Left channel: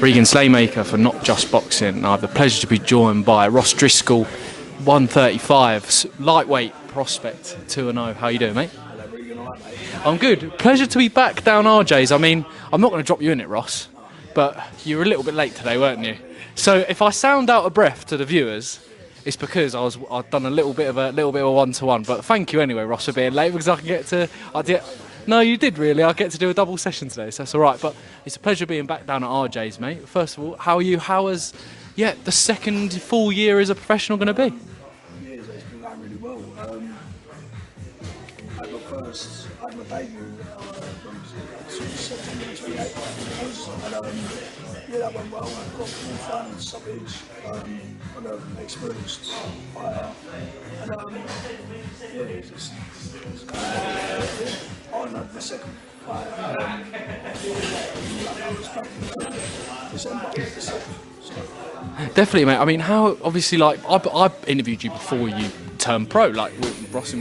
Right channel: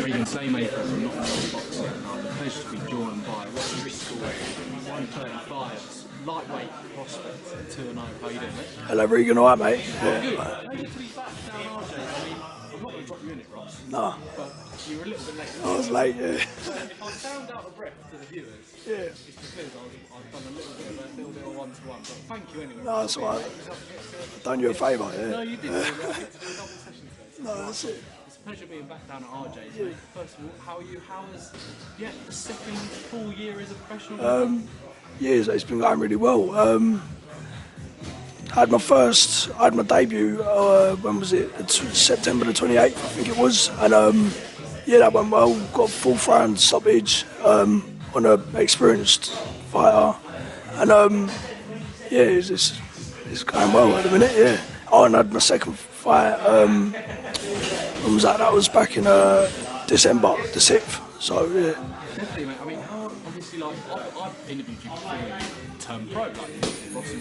Regan Slaymaker for NotJustBoxing. I have the pleasure to be joined by Ross Driscoll, 135, lightweight prospect, 2-0. How you doing, mate? Hello, Regan. All right, mate? I'm good. Pleasure to be back down RJ's. I mean, I'm not going to drop you in it, Ross. No. But you were a little bit late today, weren't late, you? yeah. So if I sound out of breath to the viewers, it's because I've done a little bit of a one-to-one. But thank you anyway, Ross, for being late, because I can get to. Done you a favour, yeah. No, you did really. I get to do a double session today, so that's all right. But it's a pleasure being back down at RJ's, mate. First of all, how are you? How has the second full year as a professional going to be? Yeah, it's been going really well. I had my debut, when was it? September the 28th, I think it was. And that went well. Got fourth round stoppage on an experienced fighter. And it's going well at the minute, yeah. Oh, and I had my second fight, when was that? That was back in December the 6th. So, yeah. Definitely, mate. I mean, how, obviously, like, I interviewed you before you turned pro. Like, Ross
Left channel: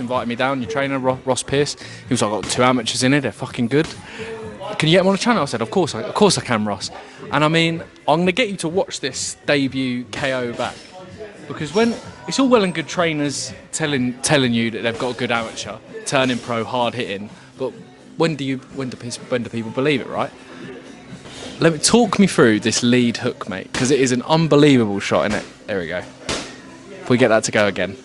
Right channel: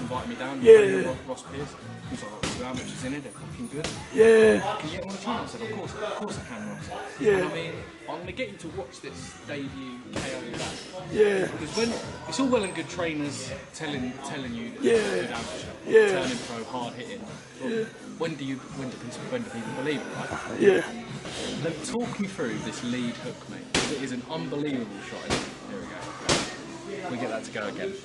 invited me down, your trainer, Ross Pearce. He was like, I've got 2 amateurs in here, they're fucking good. Yeah. Can you get them on the channel? I said, of course I can, Ross. Yeah. And I mean, I'm going to get you to watch this debut KO back. Yeah. Because when, it's all well and good trainers telling you that they've got a good amateur, turning pro, hard hitting, but when do people believe it, right? Yeah. Let me talk me through this lead hook, mate, because it is an unbelievable shot, innit? There we go. If we get that to go again.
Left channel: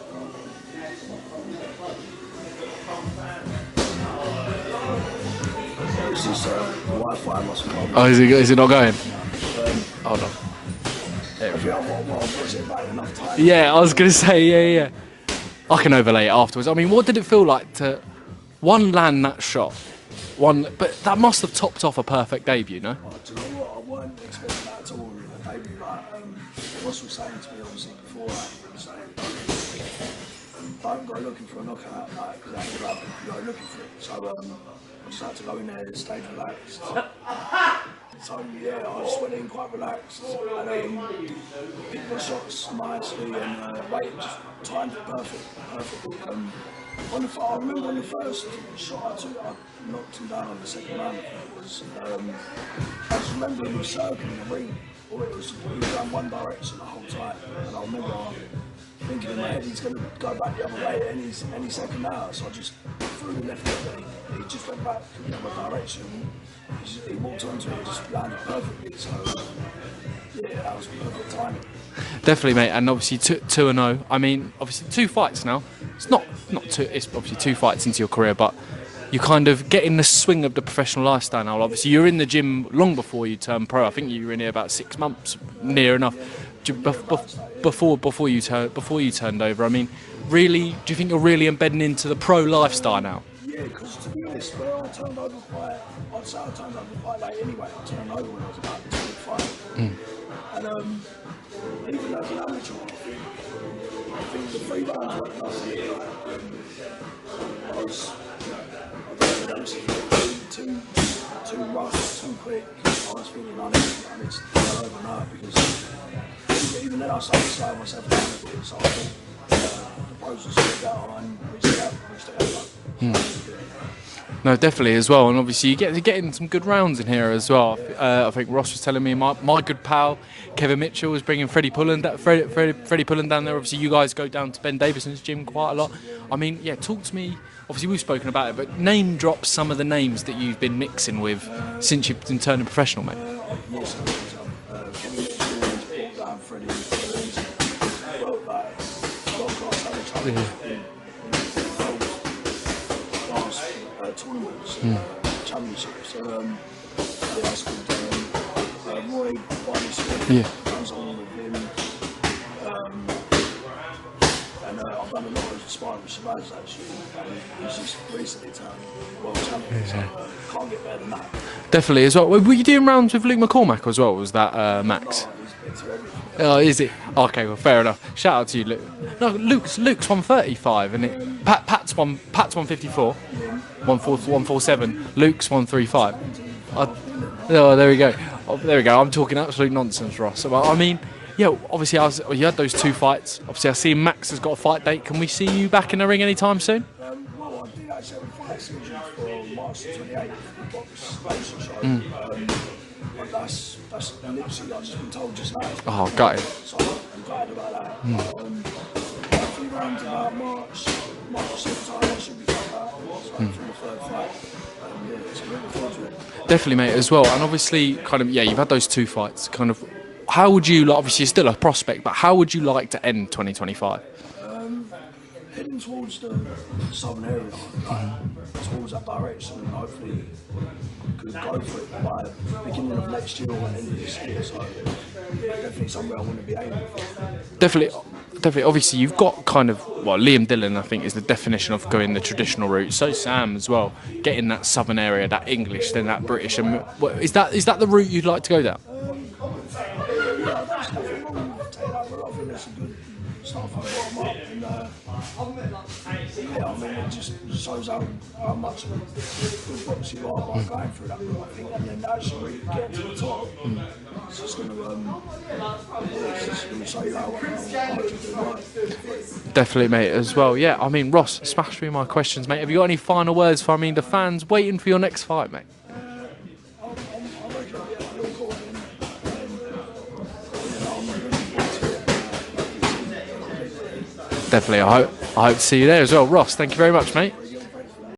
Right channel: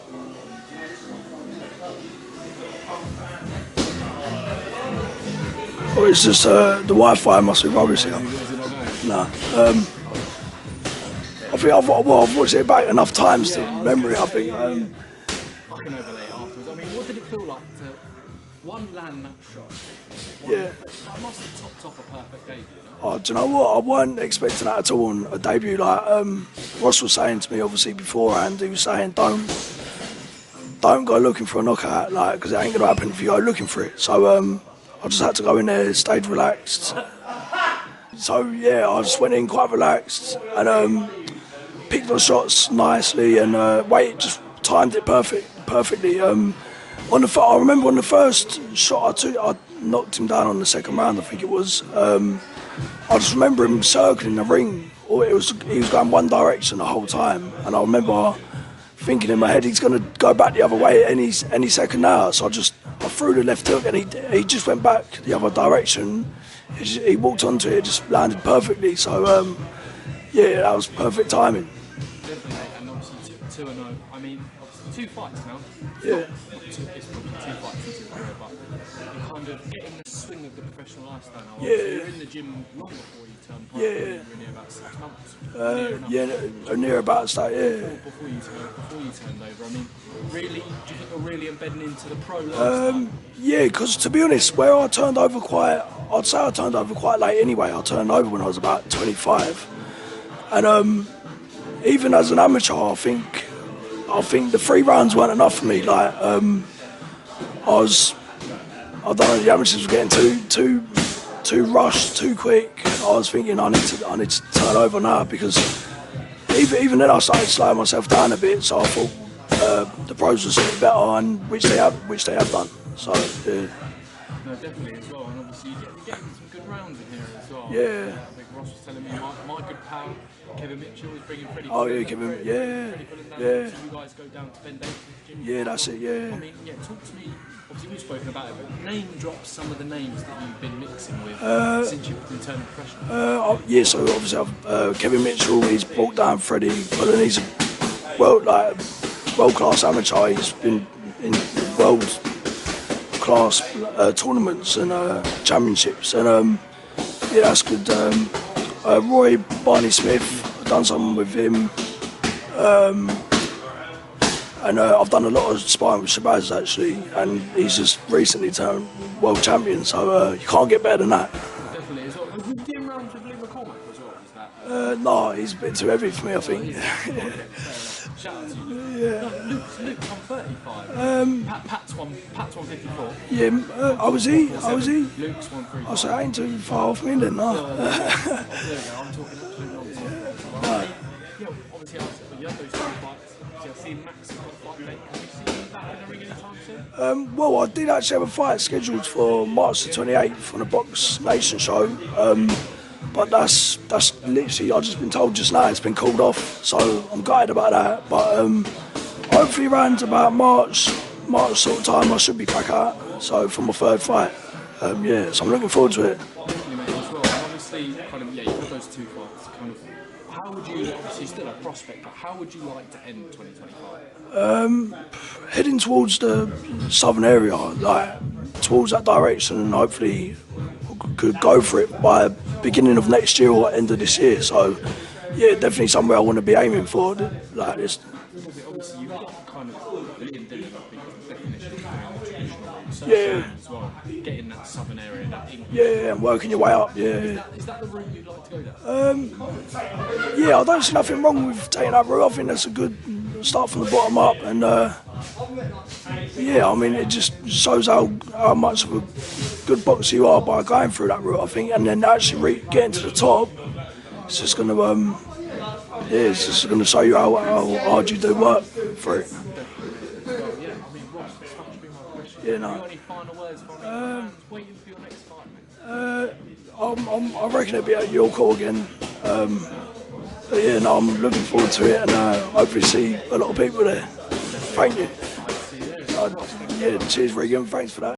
Well, it's just the Wi-Fi must be rubbish. Oh, is it not going? No. Hold on. I think I've watched it back enough times. Yeah, I was going to say, yeah. I can overlay it afterwards. I mean, what did it feel like to land that shot? But that must have topped off a perfect debut, no? Oh, do you know what? I wasn't expecting that at all on a debut. Like Ross was saying to me, obviously beforehand, he was saying, don't go looking for a knockout, like, because it ain't gonna happen if you go looking for it. So I just had to go in there, stayed relaxed. So yeah, I just went in quite relaxed and picked my shots nicely and just timed it perfectly. I remember on the first shot I knocked him down on the second round, I think it was. I just remember him circling the ring. He was going one direction the whole time, and I remember thinking in my head he's going to go back the other way any second now. So I threw the left hook, and he just went back the other direction. He walked onto it, just landed perfectly. So that was perfect timing. Definitely, mate, and obviously 2-0. I mean, obviously 2 fights now. It's not two. It's obviously 2 fights into your career, but you kind of get in the swing of the professional lifestyle now. Obviously, you're in the gym long before you turned pro. I think you were in here about 6 months, near enough. Yeah, near about that. Yeah. Before you turned over. I mean, really, do you think you're really embedding into the pro lifestyle now? Yeah, because to be honest, I'd say I turned over quite late anyway. I turned over when I was about 25, and even as an amateur, I think the 3 rounds weren't enough for me. Like, I don't know, the amateurs were getting too rushed, too quick. I was thinking I need to turn over now, because even then I started slowing myself down a bit. So I thought the pros were sort of better, and which they have done. So yeah. No, definitely as well, and obviously you're getting some good rounds in here as well. Yeah. I think Ross was telling me my good pal Kevin Mitchell was bringing Freddie Pullen down there. Obviously, you guys go down to Ben Davison's gym quite a lot. I mean, talk to me. Obviously, we've spoken about it, but name drop some of the names that you've been mixing with since you've been turning professional, mate. So obviously I've Kevin Mitchell. He's brought down Freddie Pullen. He's a world-class amateur. He's been in world-class tournaments and championships, and that's good. Roy Barney Smith, I've done something with him, and I've done a lot of sparring with Shabazz actually, and he's just recently turned world champion, so you can't get better than that. Definitely as well. Were you doing rounds with Luke McCormack as well? Was that Max? No, he's a bit too heavy for me, I think. Oh, is it? Okay, well, fair enough. Shout out to you, Luke. Yeah. No, Luke's 135, and Pat's 154. Yeah, 147. Luke's 135. I ain't too far off me then, no. Oh, there we go. There we go. I'm talking absolute nonsense, Ross. I mean, obviously you had those 2 fights. Obviously, I see Max has got a fight date. Can we see you back in the ring anytime soon? Well, I did actually have a fight scheduled for March the 28th on the Box Nation show. But that's literally, I've just been told just now, it's been called gutted. off. So I'm gutted about that. But hopefully around about March sort of time, I should be back out. So for my third fight. Yeah, so I'm looking forward to it. Definitely, mate, as well. And obviously, kind of, yeah, you've had those 2 fights. Kind of, how would you, like, obviously, you're still a prospect, but how would you like to end 2025? Heading towards the southern area, like towards that direction, and hopefully could go for it by beginning of next year or end of this year. So, yeah, definitely somewhere I want to be aiming for. Like, Definitely. Obviously, you've got kind of, well, Liam Dillon, I think, is the definition of going the traditional route. So Sam as well, getting that southern area, that English, then that working British. your way up, Is that the route you'd like to go down? Yeah, I don't see nothing wrong with taking that route. I think that's a good start from the bottom up, and yeah, I mean, it just shows how much of a good boxer you are by going through that route, I think, and then actually getting to the top. It's just going to it's just going to show you how hard you do work for it. Definitely, mate, as well. Yeah, I mean, Ross, smash through my questions, mate. Have you got any final words for, the fans waiting for your next fight, mate? I reckon it'll be at your call again. But yeah, no, I'm looking forward to it, and hopefully see a lot of people there. Definitely, I hope to see you there as well. Ross, thank you very much, cheers, mate. Regan, thanks for that.